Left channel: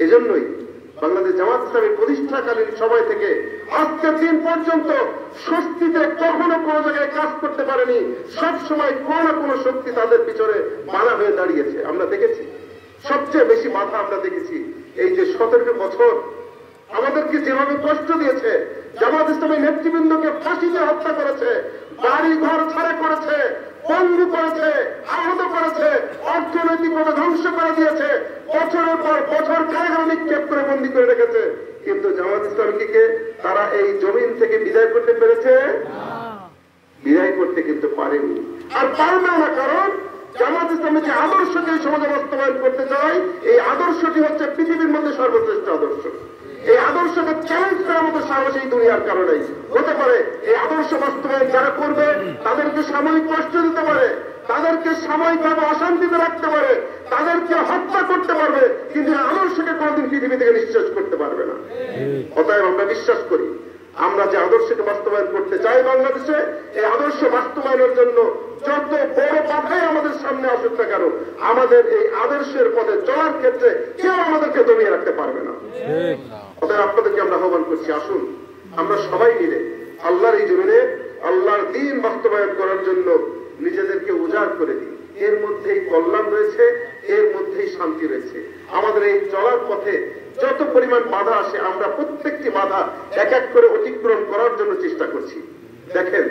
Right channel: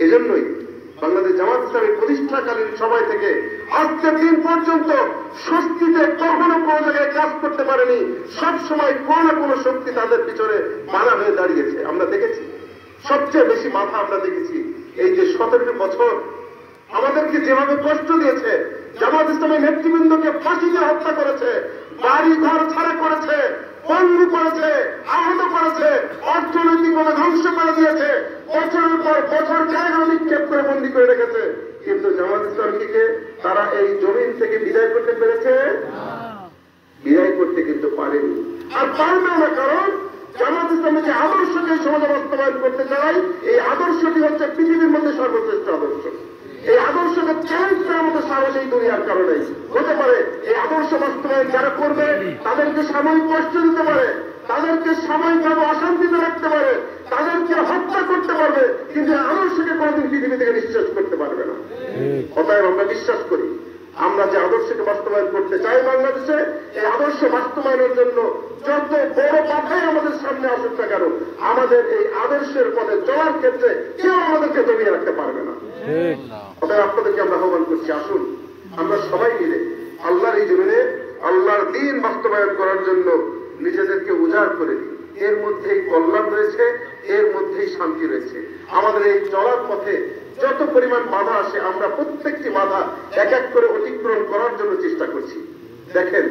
এজন্যই বাংলাদেশ জামাত ইসলামের প্রতিষ্ঠাকালীন সময় থেকে আজকের দিন পর্যন্ত শক্তিতে কখনো কোনো জায়গায় কাজ করতে পারেনি। সব সময় কোনো না কোনো শক্তি তাদের পিছনে বাধা হয়ে দাঁড়িয়েছে। আমরা দেখেছি সবচেয়ে বেশি বাধা আমরা দেখেছি এই যে 17 বছর আমাদেরকে যেভাবে কষ্ট দিয়েছে, জামাত ইসলামের নেতৃবৃন্দকে ফাঁসিতে হত্যা করেছে, বাড়ি ঘর ছাড়া করেছে, পঙ্গু করেছে, আহত করেছে, অর্থনৈতিকভাবে ধ্বংস করে দিয়েছে, বছরের পর বছর কারাগারে নিক্ষেপ করে বন্দী করে রেখেছে। কিন্তু জামাত ইসলামীকে তারা এই জমিন থেকে বিদায় করতে পেরেছে? বিদায় করতে কিন্তু পারেনি, আর পারবে না। কারণ জামাত ইসলামের যে আদর্শকে সমাজে বাস্তবায়ন করতে চায়, এই আদর্শটি হচ্ছে পৃথিবীর মধ্যে সর্বশ্রেষ্ঠ আদর্শ। এই আদর্শকে চ্যালেঞ্জ করার মতো সাহস এই দুনিয়ার কারণেই হতে পারে। এই আদর্শ বাস্তবায়ন যারা করবে তাদেরকে সাময়িক কষ্ট দিতে পারে, তাদেরকে সাময়িকভাবে অশান্তিতে রাখতে পারে, তাদেরকে হত্যা করতে পারবে, কিন্তু আদর্শকে কোনদিন পৃথিবী থেকে নিঃশেষ করতে পারবে না। অতএব আমরা বিশ্বাস করি, আমরা যে আদর্শকে বাস্তবায়ন করতে চাই বাংলাদেশে, এই আদর্শ বাস্তবায়নের জন্য যত বড় বাধাই আমাদের সামনে আসুক না কেন, আমাদের এই আদর্শের পথে চলার ক্ষেত্রে কেউ আমাদেরকে দমিয়ে রাখতে পারবে না। অতএব আপনাদেরকে আমরা আহ্বান করছি, আসুন আমরা সবাই মিলে আল্লাহর এই জমিনে আল্লাহর দ্বীন বাস্তবায়ন করার জন্য নিজেদেরকে উজাড় করে দিই। এর মধ্যেই কল্যাণ রয়েছে, এর মধ্যেই শান্তি রয়েছে। আমাদের এই চলার পথে যত পরিমাণ বাধা আসে, আমরা প্রত্যেকটি বাধা এক এক করে অতিক্রম করার জন্য চেষ্টা করছি। দেখেন,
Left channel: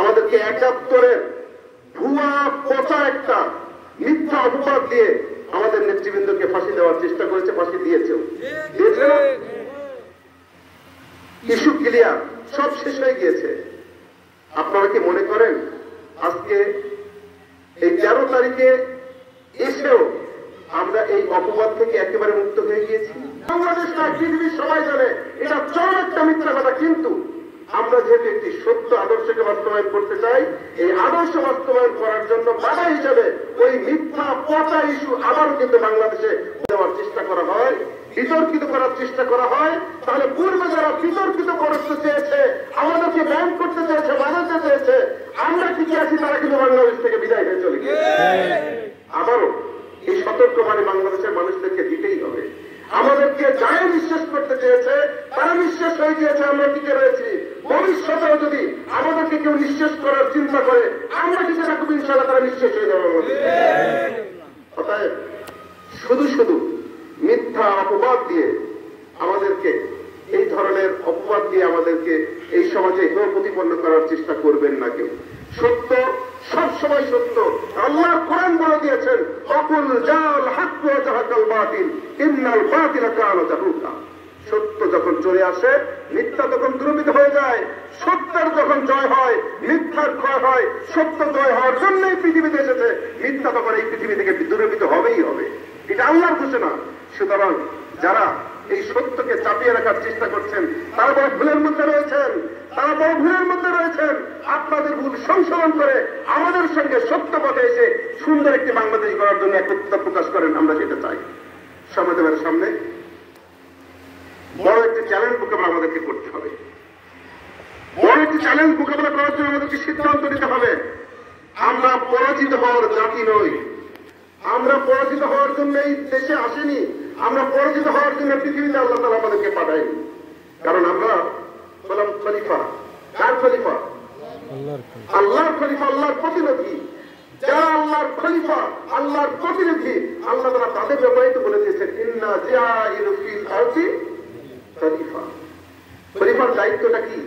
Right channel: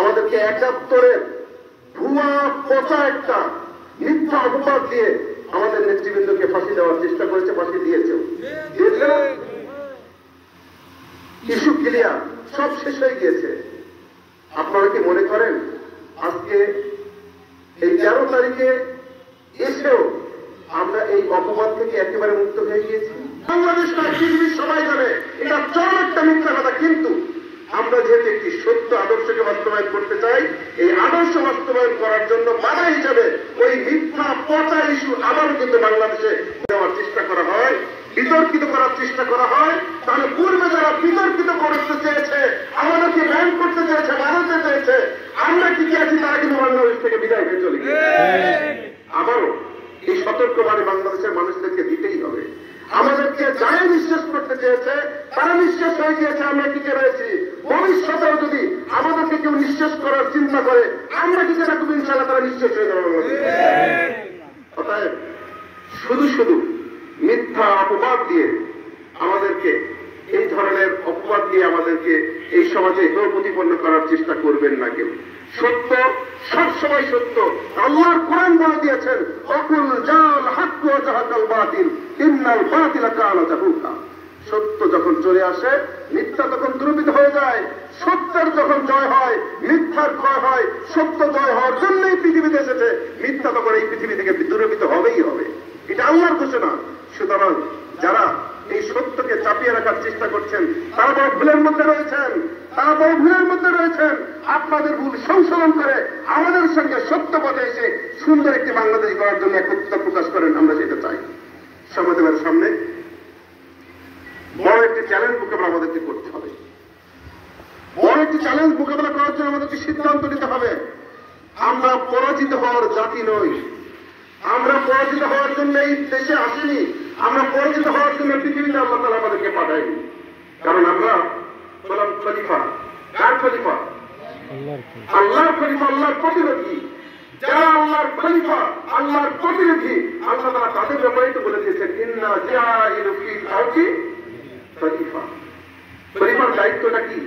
আমাদেরকে 71-এর ভুয়া পচা একটা মিথ্যা অপবাদ দিয়ে আমাদের নেতৃবৃন্দকে ফাঁসি দেওয়ার চেষ্টা করেছে, ফাঁসি দিয়েছেও। ইস্যু ক্লিয়ার, সব শেষ হয়ে গিয়েছে। আপনারা কি মনে করেন আজকে এই 13 তারিখে এসেও আমরা এই অপবাদ থেকে একেবারে মুক্ত হয়ে গিয়েছি? বাংলাদেশটা পৃথিবীর সবাই জানে এটা চরম একটা মিথ্যা কথা। কিন্তু আমরা যেহেতু একটি সত্য আদর্শকে বাস্তবায়ন করতে চাই, এই আদর্শ বাস্তবায়ন করার জন্য বাধা হিসেবে ওই মিথ্যা পচা ইস্যু আবারও কিন্তু বাংলাদেশে দেওয়ার চেষ্টা করা হয়, বিতর্কিত করার চেষ্টা করা হয়। তাহলে পূর্বে যারা বিতর্কিত করতে চেয়েছে, আমাদেরকে ব্যান করতে চেয়েছে, বাধাতে চেয়েছে, আমরা কি চাইছি তারা কিন্তু বাংলাদেশ থেকে বিদায় হয়ে চলে গেছে। আবারও এই সতর্কবাণী বাংলাদেশের মানুষদেরকে দিতেই হবে। আমাদেরকে যারাই নিঃশেষ করতে চেয়েছে তারা নিঃশেষ হয়ে গিয়েছে, আমরা টিকে রয়েছি। ভবিষ্যতেও যদি আমাদেরকে কেউ নিঃশেষ করার চিন্তা করে, আমরা টিকে রাখবো, ইনশাআল্লাহ তারা নিঃশেষ হয়ে যাবে। অতএব শুধু শুধু মিথ্যা অপবাদ দিয়ে আমাদেরকে, এই ধরনের অপবাদ দিয়ে আমাদেরকে এই সমাজে প্রতিপন্ন করার চেষ্টা করবেন না কেউ। সত্য সবসময় সত্য। আল্লাহর কোরআন বলে দিয়েছেন, অকুল জাল হক ওয়া যাহাকাল বাতিল ইন্নাল বাতিলা কানা যাহুকা। সত্য যখন চলে আসে, মিথ্যা তখন দূরীভূত হয়ে যায়। সত্যের যখন জয় হয়, মিথ্যার ক্ষয় হয়। সত্য জয় হওয়ার জন্যই পৃথিবীতে এসেছে, মিথ্যা তখন এই পৃথিবী থেকে দূরীভূত হবেই হবে। এটা আল্লাহর ঘোষণা। সুতরাং যারা এই সত্যকে চাপিয়ে রাখার চেষ্টা করছেন তারা বড় ভুলের মধ্যে রয়েছেন, তারা বড় ভুলের মধ্যে রয়েছেন। আপনাদের ভুল সংশোধন করে আমাদের সঙ্গে সত্য পথে এসে সুন্দর একটি বাংলাদেশ গড়ার জন্য একত্রিত প্রকাশ করেন, আমরা সেটা চাই। সমাজের সামনে বড় একটি চ্যালেঞ্জ মোকাবেলা আমাদেরকে করতে হবে। বড় একটি চ্যালেঞ্জ মোকাবেলা করার জন্য আমাদেরকে সিদ্ধান্ত নিতে হবে। আমরা পরাজিত হওয়ার জাতি নই, আমরা পরাজিত হওয়ার জন্য এই দেশে আসিনি, আমরা পরাজিত হওয়ার জন্য পৃথিবীতে আল্লাহ তাআলা আমাদেরকে পাঠায়নি। কারণ আমরা হলাম খলিফা। কার খলিফা? আল্লাহর খলিফা, আল্লাহর প্রতিনিধি। যারা আল্লাহর খলিফা, আল্লাহর প্রতিনিধি, আল্লাহ তাআলা তাদের ব্যবহৃত করে দিয়েছেন, ইন্না জাইলু ফিল আরদি খলিফা। খলিফার দায়িত্বটা কি?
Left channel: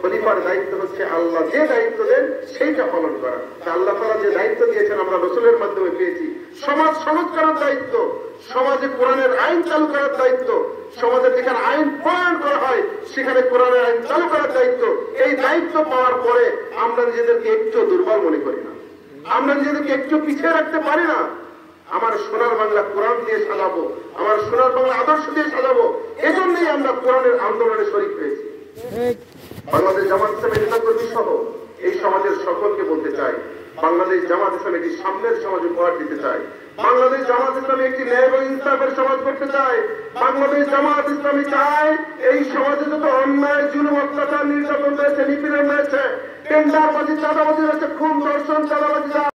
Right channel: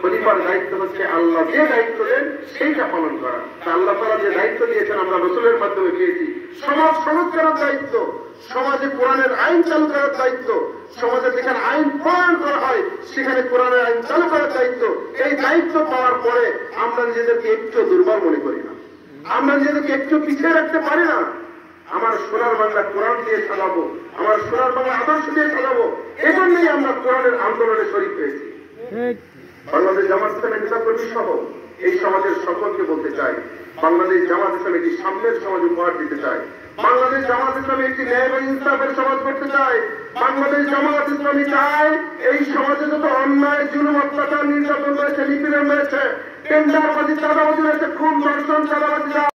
খলিফার দায়িত্ব হচ্ছে আল্লাহ যে দায়িত্ব দেন সেইটা পালন করা। আল্লাহ তাআলা যে দায়িত্ব দিয়েছেন আমরা রাসূলের মাধ্যমে পেয়েছি, সমাজ সংস্কারের দায়িত্ব, সমাজে কোরআনের আইন চালু করার দায়িত্ব, সমাজে যেখানে আইন প্রণয়ন করা হয় সেখানে কোরআনের আইন চালু করার দায়িত্ব। এই দায়িত্ব পাওয়ার পরে আমরা নিজেদেরকে একটু দুর্বল মনে করি না, আমরা নিজেদেরকে একটু পিছিয়ে রাখতে পারি না। আমার সোনার বাংলা কোরআন দিয়ে চালাবো, আমার সোনার বাংলা আদর্শ দিয়ে চালাবো, এজন্যই আমরা কোরআনের আন্দোলনে শরীক হয়েছি। বাংলাদেশ জামাত ইসলামের নেতাকর্মী সহ এই সমাজের সকলকে বলতে চাই, বাংলাদেশ জামাত ইসলাম একটি সামনের সমাজ উপহার দিতে চাই। বাংলাদেশ জামাত ইসলাম একটি ন্যায় এবং ইনসাফের সমাজ করতে চাই। বাংলাদেশ জামাত ইসলামী চায় এই সমাজে যত অন্যায়, জুলুম, অত্যাচার, নির্যাতন রয়েছে, নিপীড়ন রয়েছে, টেন্ডারবাজি, চাঁদাবাজি রয়েছে, খুন, ধর্ষণ, চাঁদাবাজি